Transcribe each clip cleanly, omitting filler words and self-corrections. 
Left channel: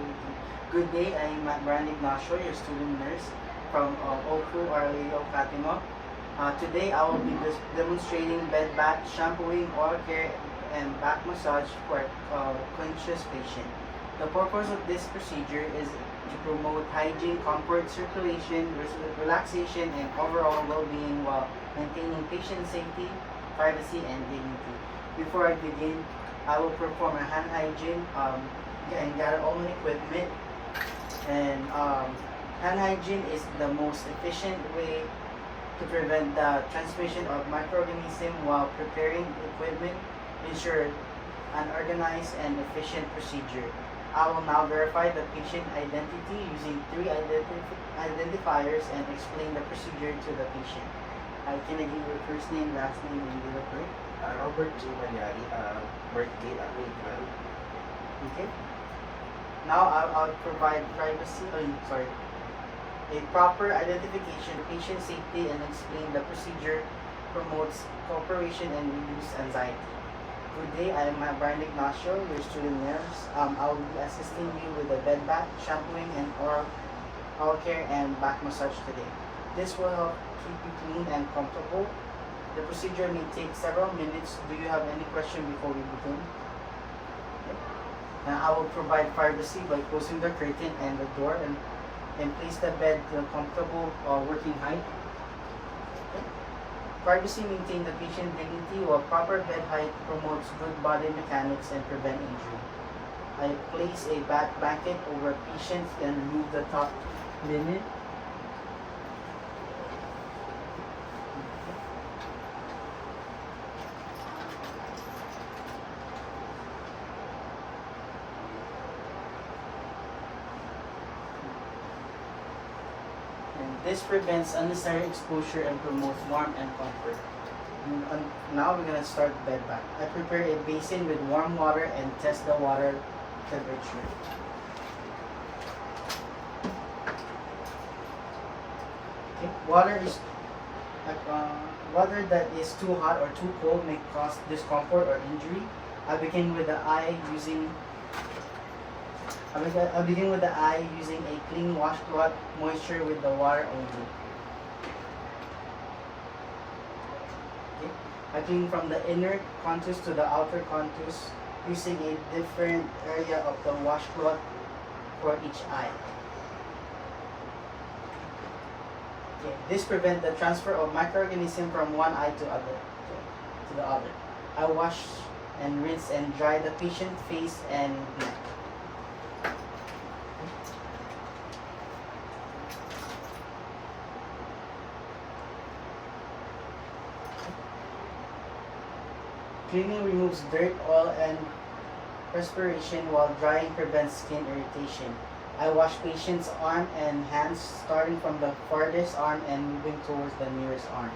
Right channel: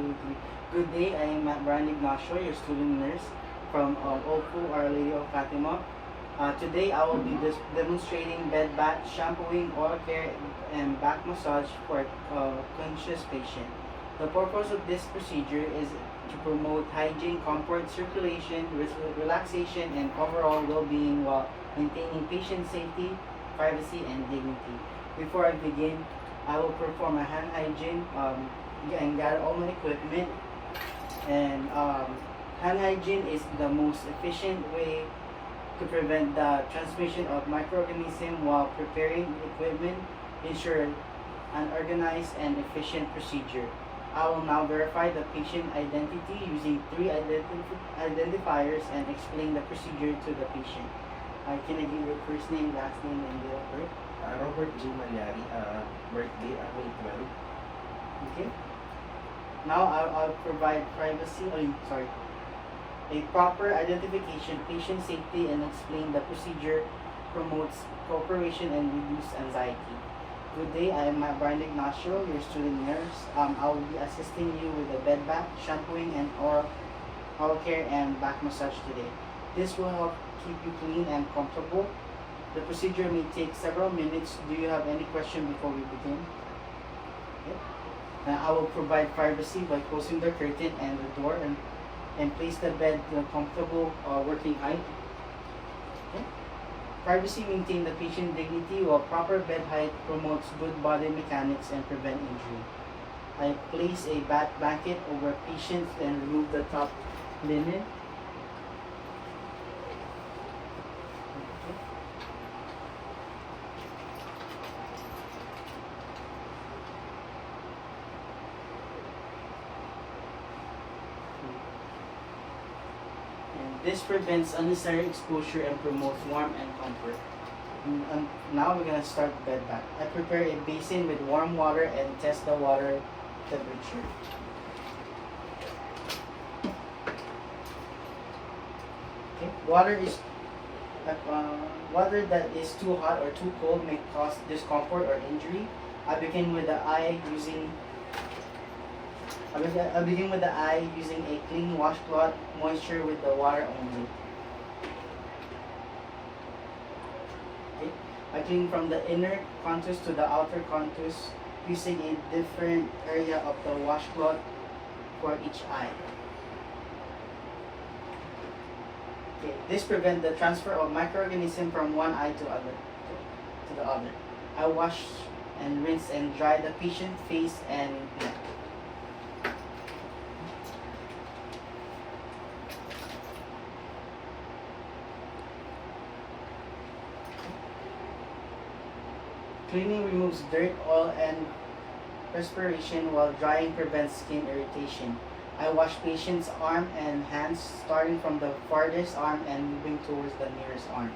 2, 3. Good day, I am Brian Ignacio, your student nurse from OPU Our Lady of Fatima. Today I will be demonstrating bed bath, shampooing, oil care, and back massage for a conscious patient. The purpose of this procedure is to promote hygiene, comfort, circulation, relaxation, and overall well-being while maintaining patient safety, privacy, and dignity. Before I begin, I will perform a hand hygiene and gather all my equipment. And hand hygiene is the most efficient way to prevent the transmission of microorganisms while preparing equipment. Ensure an organized and efficient procedure. I will now verify the patient identity using 3 identifiers and explain the procedure to the patient. Can I give your first name, last name, and date of birth? Robert G. Malyari, birthday April 12. Okay. Now I'll provide a proper identification, patient safety, and explain the procedure promotes cooperation and reduce anxiety. Good day, I am Brian Ignacio, your student nurse. I will be assisting you with a bed bath, shampooing, and oral care and back massage today. This will help keep you clean and comfortable. The procedure may take several minutes. Do you have any question before we begin? Okay. Now I will provide privacy by closing the curtain and the door and place the bed to a comfortable working height. Okay. Privacy maintains the patient dignity while proper bed height promotes good body mechanics and prevent injury. I place a bath blanket over patient and remove the top linen. This prevents unnecessary exposure and promotes warmth and comfort. And now we're going to start bed bath. I prepare a basin with warm water and test the water temperature. Okay. Water that is too hot or too cold may cause discomfort or injury. I begin with the eye using a clean washcloth, moisture with the water only. Okay. I clean from the inner contours to the outer contours using a different area of the washcloth for each eye. Okay. This prevents the transfer of microorganisms from one eye to the other. I wash and rinse and dry the patient's face and neck. Cleaning removes dirt, oil, and perspiration, while drying prevents skin irritation. I wash patient's arm and hands, starting from the farthest arm and moving towards the nearest arm.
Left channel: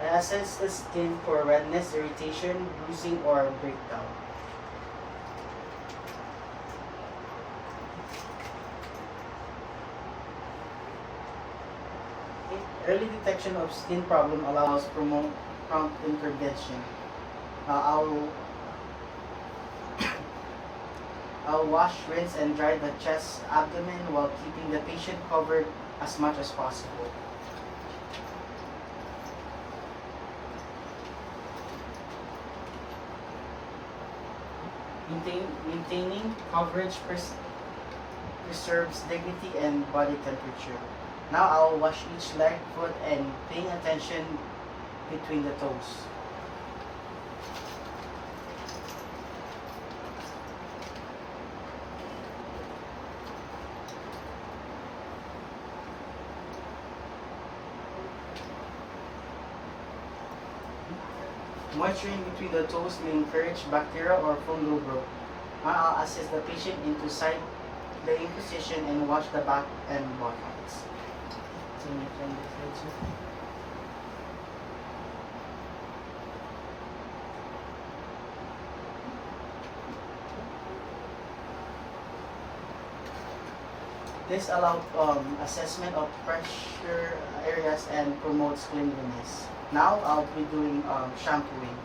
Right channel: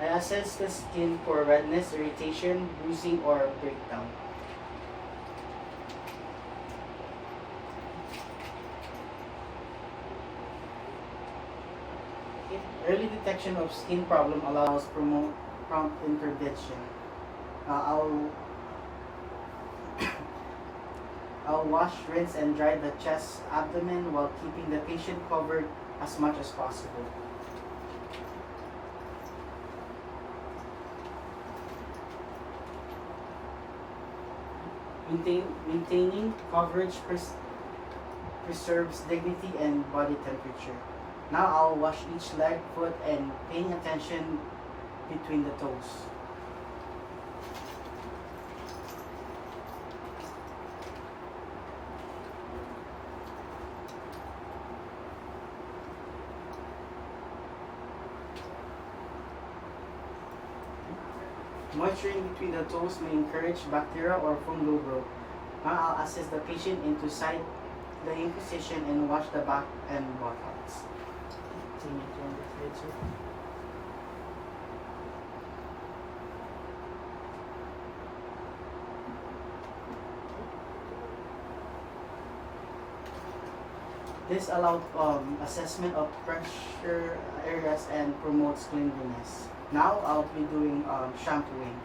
I assess the skin for redness, irritation, bruising, or breakdown. Okay. Early detection of skin problem allows prompt intervention. Now I'll wash, rinse, and dry the chest, abdomen while keeping the patient covered as much as possible. Maintaining coverage preserves dignity and body temperature. Now I'll wash each leg, foot, and paying attention between the toes. Moisturizing between the toes may encourage bacterial or fungal growth. Now I'll assist the patient into side laying position and wash the back and buttocks. So you turn the head, sir. This allows assessment of pressure areas and promotes cleanliness. Now I'll be doing shampooing.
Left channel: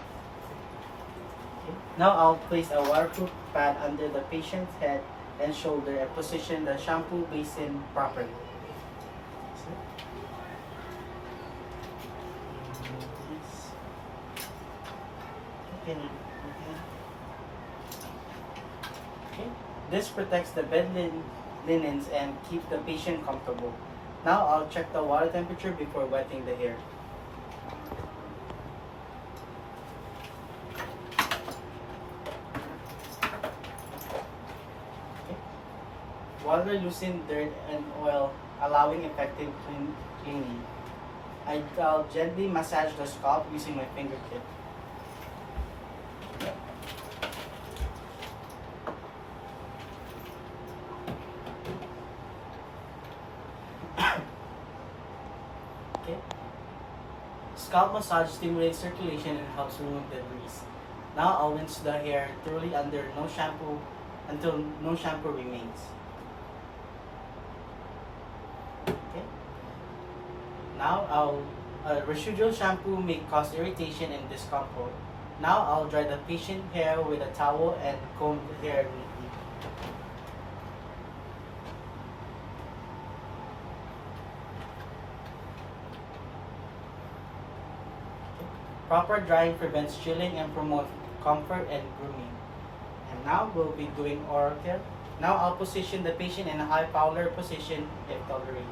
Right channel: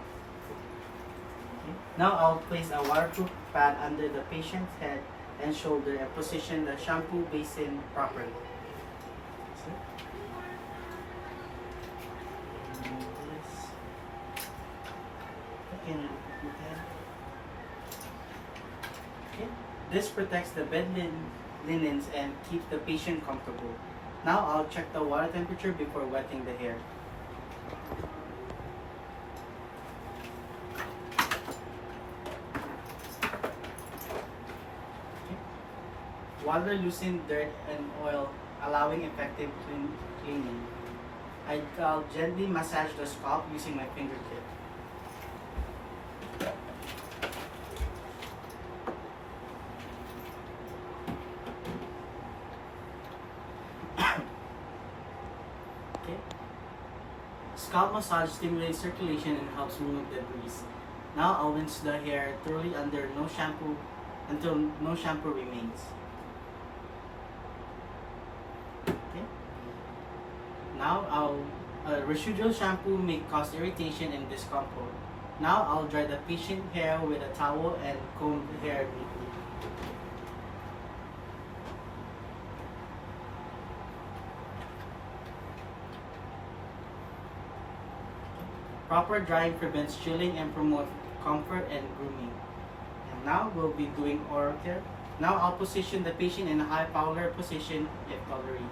Okay. Now I'll place a waterproof pad under the patient's head and shoulder and position the shampoo basin properly. Okay. This protects the linens and keeps the patient comfortable. Now I'll check the water temperature before wetting the hair. Okay. Water loosens dirt and oil, allowing effective cleaning. I'll gently massage the scalp using my fingertip. Okay. Scalp massage stimulates circulation and helps remove debris. Now I'll rinse the hair thoroughly until no shampoo remains. Okay. Now residual shampoo may cause irritation and discomfort. Now I'll dry the patient hair with a towel and comb the hair neatly. Proper drying prevents chilling and promotes comfort and grooming. And now we'll be doing oral care. Now I'll position the patient in a high power position if tolerated.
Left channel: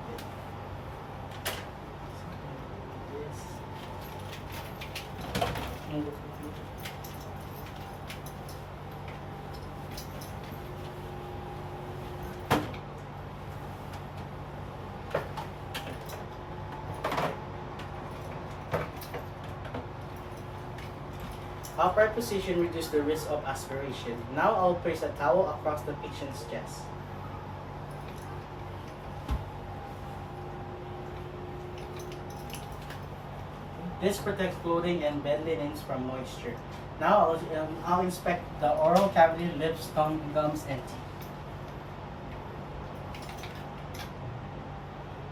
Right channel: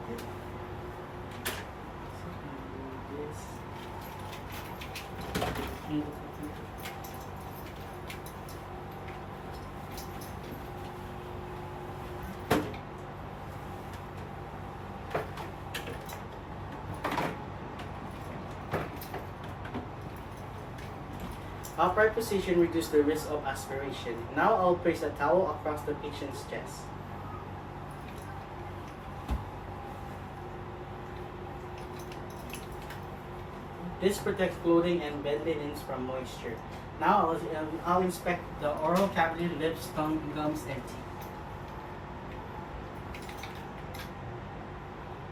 Upright position reduces the risk of aspiration. Now I'll place a towel across the patient's chest. This protects clothing and bed linens from moisture. Now I'll inspect the oral cavity, lips, tongue, gums, and teeth.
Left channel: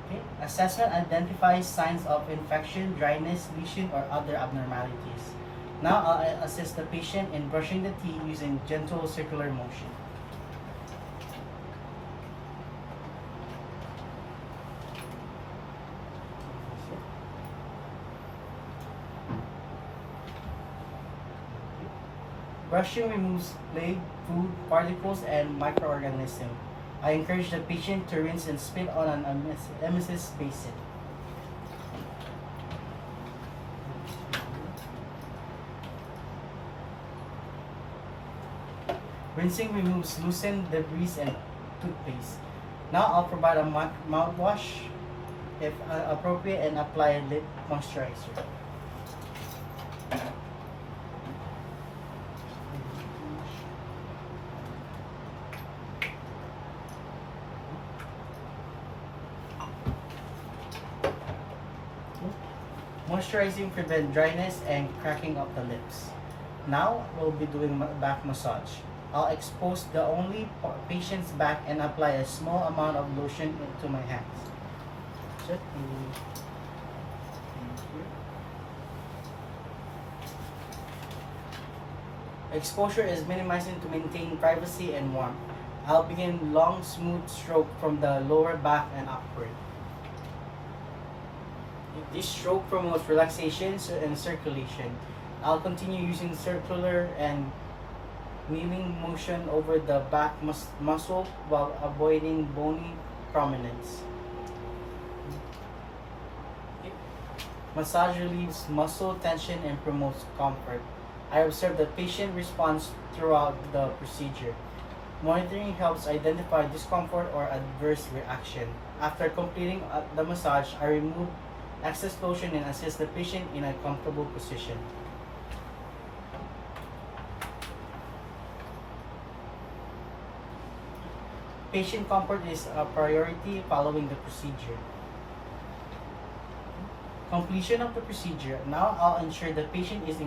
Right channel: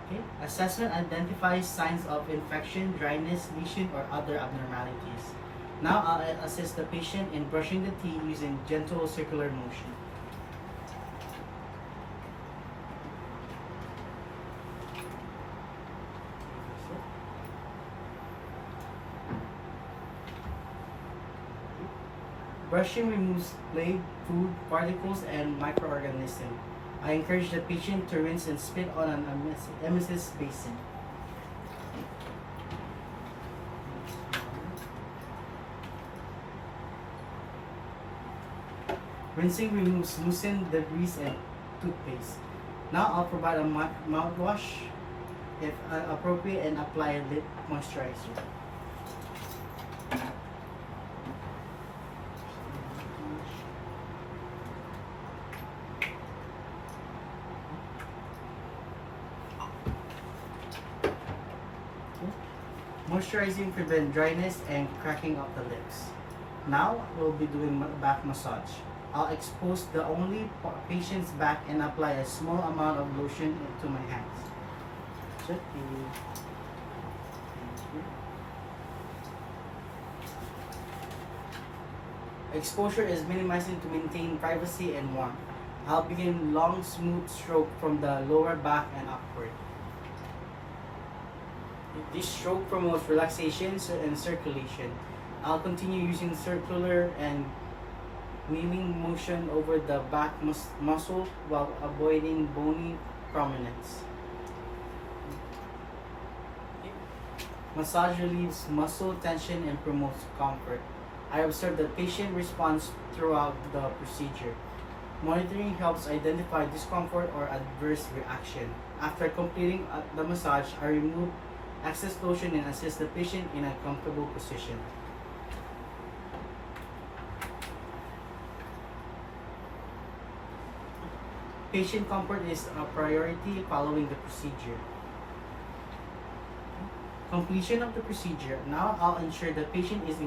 Okay. Assessment identifies signs of infection, dryness, lesion, or other abnormalities. Now I'll assist the patient in brushing the teeth using gentle circular motion. Brushing removes plague, food, particles, and microorganisms. I encourage the patient to rinse and spit on an emesis basin. Rinsing removes loosened debris and toothpaste. Now I'll provide a mouthwash if appropriate and apply a lip moisturizer. Moisturizing prevents dryness and cracking of the lips. Now we'll be doing back massage. I'll expose the only patient's back and apply a small amount of lotion to my hands. Exposure is minimizing to maintain privacy and warmth. I'll begin long, smooth stroke from the lower back and upward. This stroke promotes relaxation and circulation. I'll continue using circular and wheeling motion over the back muscle while avoiding bony prominence. Massage relieves muscle tension and promotes comfort. I observe the patient response throughout the procedure. Monitoring helps identify discomfort or adverse reaction. After completing the massage, I remove excess lotion and assist the patient in a comfortable position. Patient comfort is a priority following the procedure. Completion of the procedure. Now I'll ensure the patient is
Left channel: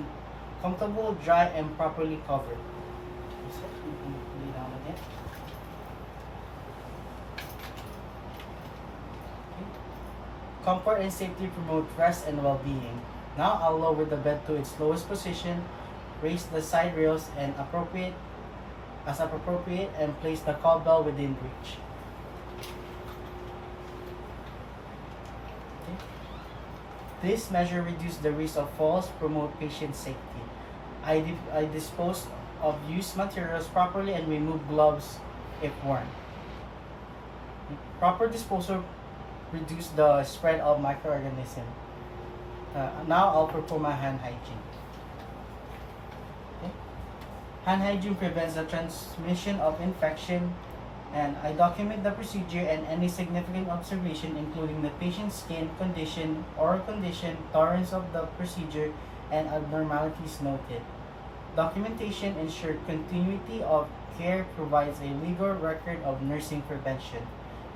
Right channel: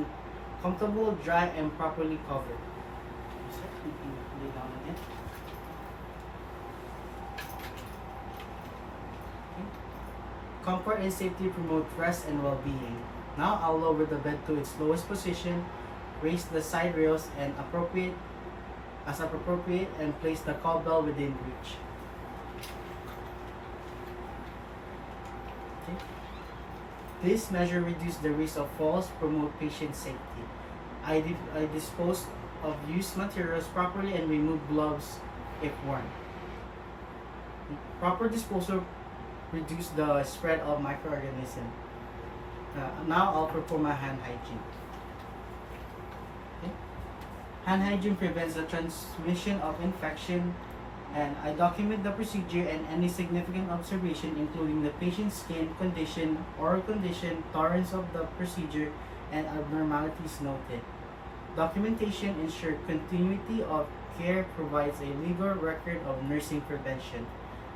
comfortable, dry, and properly covered. Comfort and safety promote rest and well-being. Now I'll lower the bed to its lowest position, raise the side rails and appropriate and place the call bell within reach. Okay. This measure reduces the risk of falls, promote patient safety. I dispose of used materials properly and remove gloves if worn. Proper disposal reduce the spread of microorganisms. Now I'll perform my hand hygiene. Okay. Hand hygiene prevents the transmission of infection, and I document the procedure and any significant observation, including the patient's skin condition, oral condition, tolerance of the procedure, and abnormalities noted. Documentation ensures continuity of care, provides a legal record of nursing prevention.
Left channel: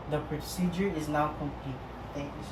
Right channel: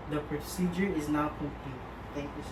The procedure is now complete. Thank you,